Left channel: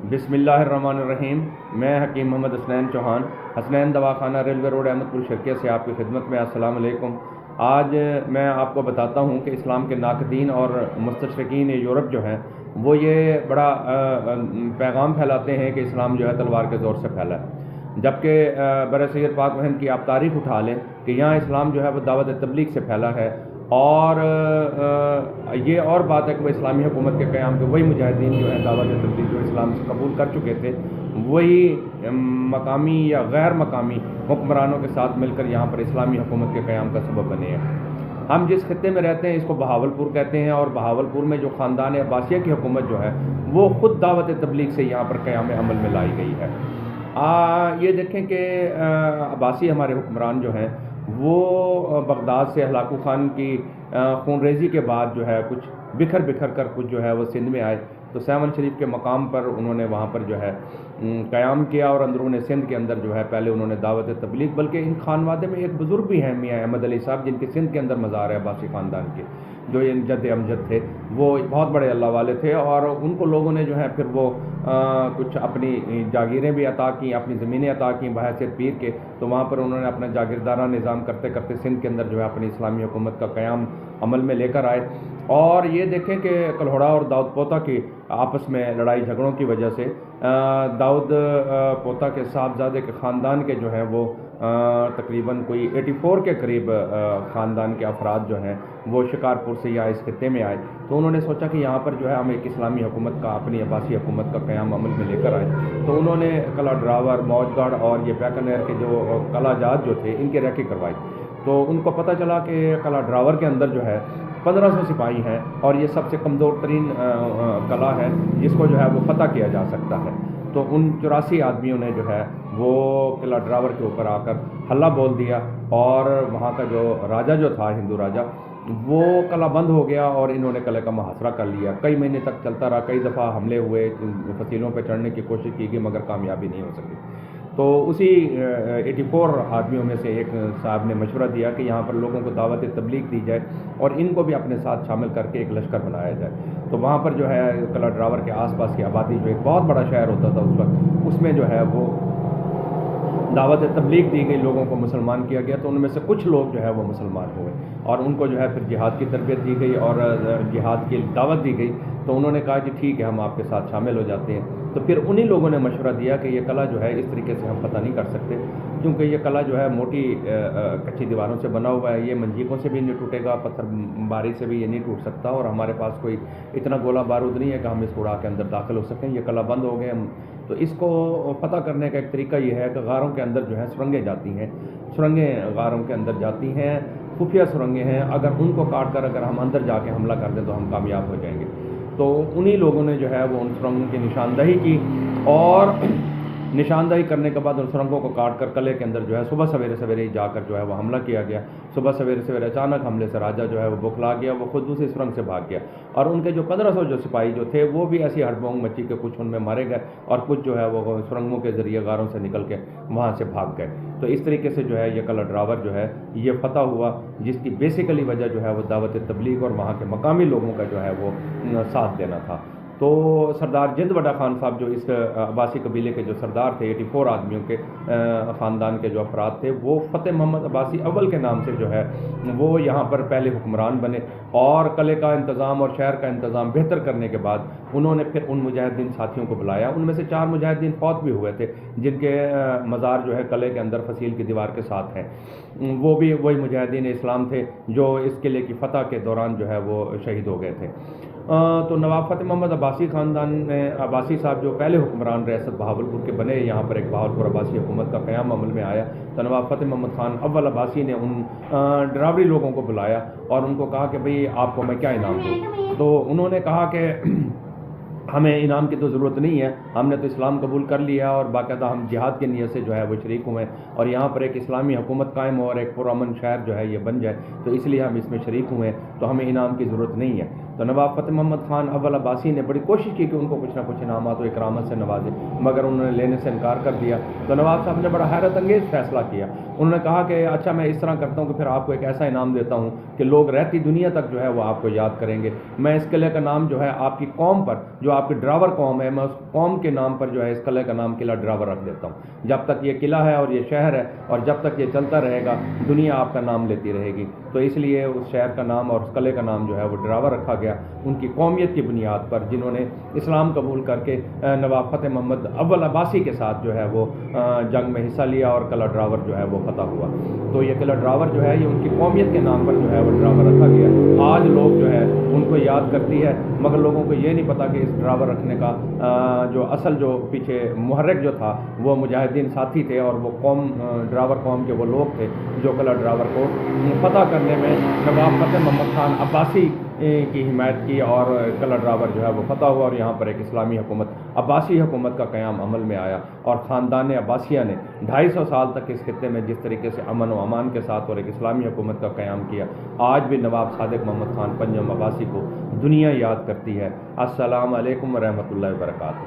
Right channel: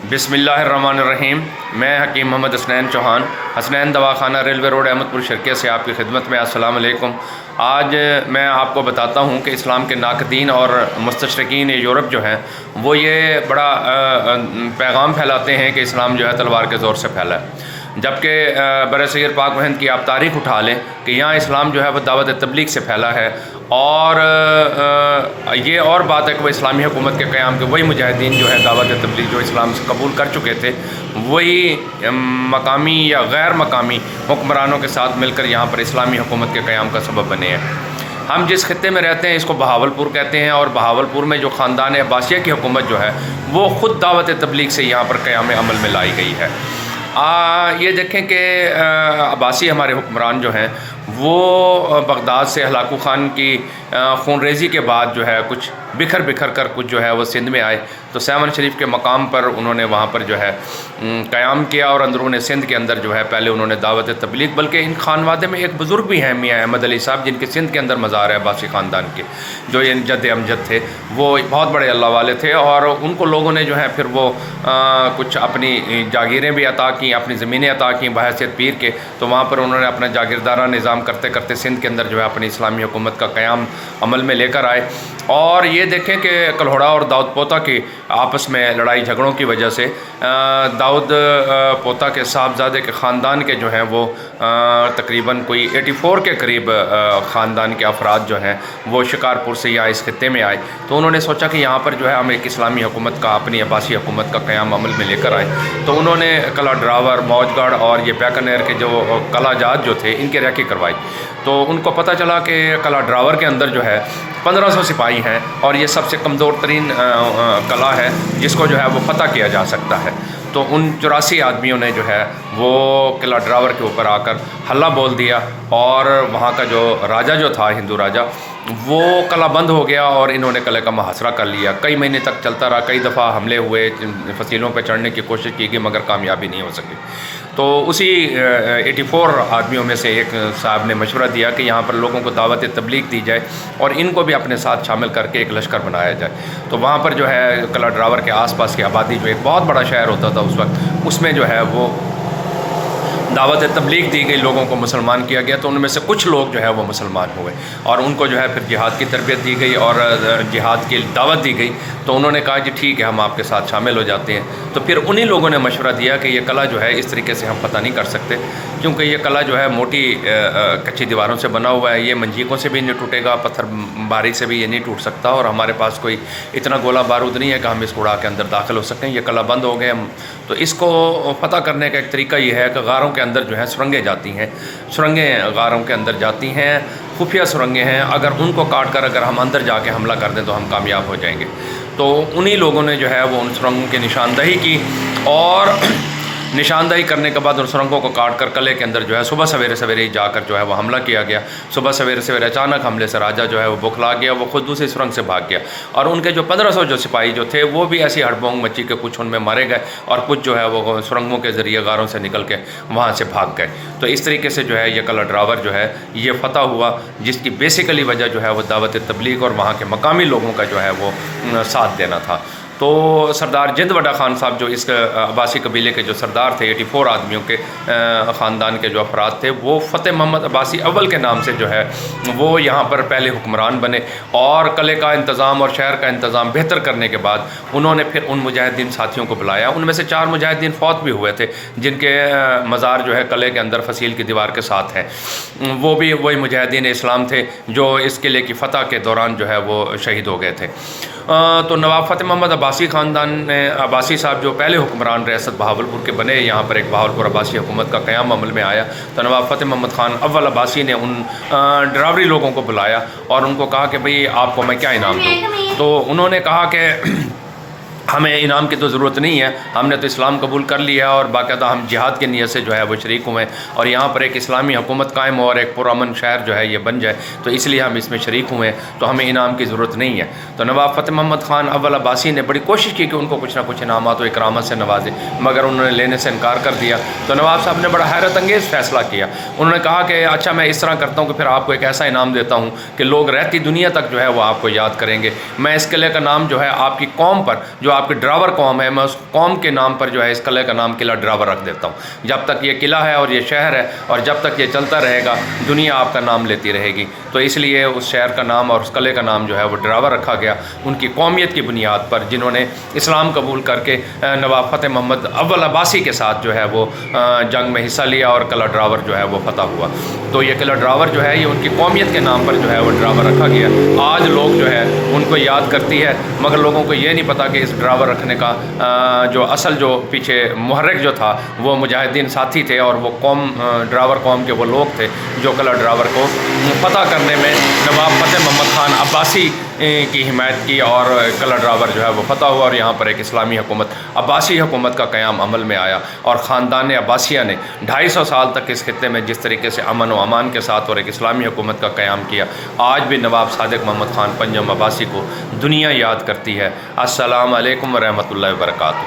بسم اللہ الرحمن الرحیم۔ میں حکیم محمد حسنین چوہان، حسنین دواخانہ، ریلوے روڈ، احمد پور شرقیہ سے آپ کی خدمت میں۔ السلام علیکم۔ آج میں آپ کو بتاتا ہوں کہ اسلام کے ناقدین اور مستشرقین یورپ جو ہیں وہ یہ بڑا پیغام پھیلاتے ہیں کہ اسلام جو ہے تلوار کے زور سے پھیلا ہے، جبکہ برصغیر پاک و ہند کی آپ تاریخ اٹھا لیں کہ یہاں اسلام جو ہے وہ دعوت تبلیغ سے پھیلا ہے، اور یہ اور بات ہے کہ وہ اسلامی حکومت کے قیام کے وہی مجاہدین جو ہیں دعوت تبلیغ جو اسلام سے قبول کر چکے تھے، وہی مقامی یا غیر مقامی حکمرانوں کے ساتھ مل کر یہاں پر اسلامی حکومت کے قیام کا سبب بنے ہیں۔ ہم جس خطے میں رہتے ہیں اس کو بہاولپور کہتے ہیں، اور بہاولپور میں جو خاندان عباسیہ کی حکومت جو ہے وہ خود دعوت تبلیغ سے یہاں پر قیام عمل میں لائی گئی ہے۔ یہ دیکھیں کہ عباسی ہمارے حکمران جو ہیں وہ بغداد سے ہلاکو خان کی خون ریزی کے بعد جو ہے کچھ بکھر کر کچھ جو ہے وہ سندھ میں آئے، تو سیون شریف کے مقام پر انہوں نے وہاں پر جو ہے قیام کیا، اور اندرون سندھ کے اندر جو ہے پہلے انہوں نے دعوت تبلیغ، بلکہ ان خانوادے میں ایک بزرگ بھی ہیں میاں احمد علی صاحب، جن کے سندھ کے اندر مزار ہے عباسی خاندان کے، جو یہ جد امجد تھے، وہ بہت بڑے اللہ والے تھے، اور ان کو لوگوں نے جو ہے پھر وہ کچھ اپنی جاگیریں بھی عطا کیں، اپنی زمینیں عطا کیں بحیثیت پیر کے، تو وہاں پر انہوں نے اپنا جاگیردارہ نظام کرتے کرتے سندھ کے اندر جو ہے اپنی اسلامی حکومت کا قیام عمل میں لے کر آئے۔ اور یہ دیکھیں کہ کلہوڑا اور داؤد پوتا کی آپس میں لڑائی جھگڑوں کی وجہ سے داؤد پوتا کے صاحبزادے کے خاندان کے جو ہیں وہ تقریباً کوئی 84 کے قریب خاندان کے افراد جو ہیں وہ شکارپور سے یہاں اس خطے میں آئے، تو انہوں نے سوچا کہ یہاں پر جو ہے ہم ایک اسلامی حکومت کا، اپنی عباسی حکومت کا قیام عمل میں لے کر آئے، تو انہوں نے قلعہ ڈراور، موج گڑھ اور یہ بیکانیر کے جو قلعہ جات جو تھے ان کی ریکی کروائی، تو ان کو پتہ چلا کہ قلعہ ڈراور کے اندر جو ہے 1500 سپاہی ہیں، اور یہ سب سے کمزور ترین قلعہ ہے جس کو جو ہے وہ فتح کیا جا سکتا ہے، تو ان 84 آدمیوں نے جو ہے وہ قلعہ ڈراور کے اوپر آ کر حلہ بول دیا، اور وہاں کا جو راجہ جو تھا ہندو راجہ وہ قلعہ بند ہو گیا، اور انہوں نے قلعے کا محاصرہ کر لیا، کئی مہینے تک چلتا رہا، کئی دفعہ حملے ہوئے، فصیلوں پہ چڑھنے کی کوشش کی گئی مگر کامیابی نہیں ہو سکی، تو اسی 84 آدمیوں میں سے ایک صاحب نے مشورہ دیا کہ یہاں پر لوگوں کو دعوت تبلیغ دی جائے اور ان کو بھی اپنے ساتھ شامل کر کے ایک لشکر بنایا جائے، تو وہاں پر جو ہے قلعہ ڈراور کے آس پاس کی آبادی جو ایک بہت بڑا شہر ہوتا تھا اس وقت، اس میں جو ہے وہ دعوت تبلیغ دی گئی، لوگوں کو مسلمان کیا گیا، تو ان میں سے کچھ لوگ جو ہے وہ مسلمان ہوئے، اور ان کو جو ہے پھر جہاد کی تربیت دی گئی اور جہاد کی دعوت دی گئی، تو انہوں نے کہا جی ٹھیک ہے ہم آپ کے ساتھ شامل ہو جاتے ہیں، تو پھر انہی لوگوں نے مشورہ دیا کہ یہ قلعہ جو ہے اس طریقے سے ہم فتح نہیں کر سکتے، کیونکہ یہ قلعہ جو ہے موٹی کچی دیواروں سے بنا ہوا ہے، یہ منجیقوں سے بھی نہیں ٹوٹے گا، پتھر باری سے بھی یہ نہیں ٹوٹ سکتا، اور ہمارے پاس کوئی اتنا گولہ بارود نہیں ہے کہ ہم اس کو اڑا کے اندر داخل ہو سکیں، یہ قلعہ بند ہو گئے، تو اس کو فتح کرنے کا ایک طریقہ یہ ہے کہ غاروں کے اندر جو ہے سرنگیں جاتی ہیں، سرنگیں غاروں کے اندر جاتی ہیں، خفیہ سرنگیں ہیں، اگر ان کو کاٹ کر اگر ہم اندر جا کے حملہ کر دیں تو ہم کامیاب ہو جائیں گے، تو انہی لوگوں نے جو ہے وہ ان سرنگوں کی نشاندہی کی، اور نشاندہی کرنے کے بعد ان سرنگوں کو کاٹ کر قلعے کے اندر جو ہے صبح سویرے جا کر جو ہے وہ حملہ کیا گیا، صبح سویرے اچانک حملے سے راجہ جو ہے وہ بکھلا گیا، وہ خود دوسری سرنگ سے بھاگ گیا، اور ان کے جو 1500 جو سپاہی جو تھے وہ بھی ایسی ہڑبونگ مچی کہ کچھ ان میں مارے گئے، اور کچھ جو ہے وہ سرنگوں کے ذریعے غاروں سے نکل کے وہاں سے بھاگ گئے، تو اس طریقے سے جو ہے یہ قلعہ ڈراور جو ہے یہ فتح ہوا، جس کی بیسیکلی وجہ جو ہے وہ دعوت تبلیغ اور وہاں کے مقامی لوگوں کا جو ہے وہ ساتھ دینا تھا۔ تو سردار جند وڈا خان صاحب جو اس عباسی قبیلے کے جو سردار تھے، 84 آدمیوں کے خاندان کے جو افراد تھے، وہ فتح محمد عباسی اول کے نام سے جو ہے وہ یہاں پر پہلے حکمران بنے، اور قلعے کا انتظام اور شہر کا انتظام بہتر کرنے کے بعد انہوں نے پھر ان مجاہدین ساتھیوں کو بلایا، ان میں سے 4 مجاہدین فوت بھی ہوئے تھے جن کے مزار جو ہے قلعے کے اندر فصیل کی دیوار کے ساتھ ہیں، وہ بھی وہی مجاہدین اسلام تھے جو اس قلعے کی فتح کے دوران جو ہے وہ شہید ہو گئے تھے۔ تو نواب فتح محمد عباسی خاندان نے، عباسی صاحب جو پہلے حکمران ریاست بہاولپور کے بنے، یہاں پر ایک بہاولپور عباسی حکومت کا قیام عمل میں آیا، تو نواب فتح محمد خان اول عباسی نے ان ڈراوری لوگوں کو بلایا اور ان کو کہا کہ بھئی آپ کو میں کیا انعام دوں، تو انہوں نے کہا کہ ہمیں انعام کی تو ضرورت نہیں ہے، ہم نے تو اسلام قبول کر لیا اور باقاعدہ ہم جہاد کی نیت سے جو ہے وہ شریک ہوئے، اور یہاں پر ایک اسلامی حکومت قائم ہو اور ایک پرامن شہر جو ہے یہ بن جائے، تو اس لیے ہم اس میں شریک ہوئے، تو ہمیں انعام کی ضرورت نہیں ہے۔ تو نواب فتح محمد خان اول عباسی نے بڑی کوشش کی کہ ان کو کچھ نہ کچھ انعامات و اکرامات سے نوازے، مگر انہوں نے لینے سے انکار کر دیا۔ تو نواب صاحب نے بڑا حیرت انگیز فیصلہ کیا، انہوں نے کہا کہ اچھا میں اس طرح کرتا ہوں کہ پھر آپ کو ایک ایسا انعام دیتا ہوں کہ لوگ رہتی دنیا تک جو ہے وہ آپ کو یاد کریں گے، میں اس قلعے کا نام جو ہے آپ کی قوم پر جو آپ کی ڈراور قوم ہے، میں اس قوم کے نام پر جو ہے اس قلعے کا نام قلعہ ڈراور رکھ دیتا ہوں۔ جب تک یہ قلعہ ہے اور یہ شہر ہے اور جب تک یہ چلتا رہے گا دنیا آپ کا نام لیتی رہے گی، تو اس لیے اس شہر کا نام اور اس قلعے کا نام جو ہے وہ ڈراور رکھا گیا ان کی قومیت کی بنیاد پر، جنہوں نے اسلام قبول کر کے نواب فتح محمد اول عباسی کے ساتھ جو ہے وہ جنگ میں حصہ لیا اور قلعہ ڈراور جو ہے وہ فتح ہوا۔ تو یہ قلعہ ڈراور جو ہے یہ ان کی قومیت کے نام پر جو ہے وہ ڈراور رکھا گیا۔ آج لوگ جو ہے ان کو یاد کرتی ہے، مگر لوگوں کو یہ نہیں پتا کہ اس ڈراور رکھنے کا جو اصل جو پیچھے محرک جو تھا وہ مجاہدین ساتھی تھے، اور وہ ڈراور قوم کے وہ لوگ تھے جو قلعہ ڈراور کو فتح کرنے میں نواب فتح محمد خان عباسی کی حمایت کی، اور قلعہ ڈراور جو ہے وہ فتح ہوا، اور یہاں پر ایک اسلامی حکومت عباسی حکومت کا قیام عمل میں آیا، اور خاندان عباسیہ نے 250 سال تک اس خطے میں جس طریقے سے امن و امان کے ساتھ اور ایک اسلامی حکومت کا قیام کیا، آج بھی نواب صادق محمد خان پنجم عباسی کو دنیا یاد کرتی ہے۔ السلام علیکم ورحمۃ اللہ وبرکاتہ۔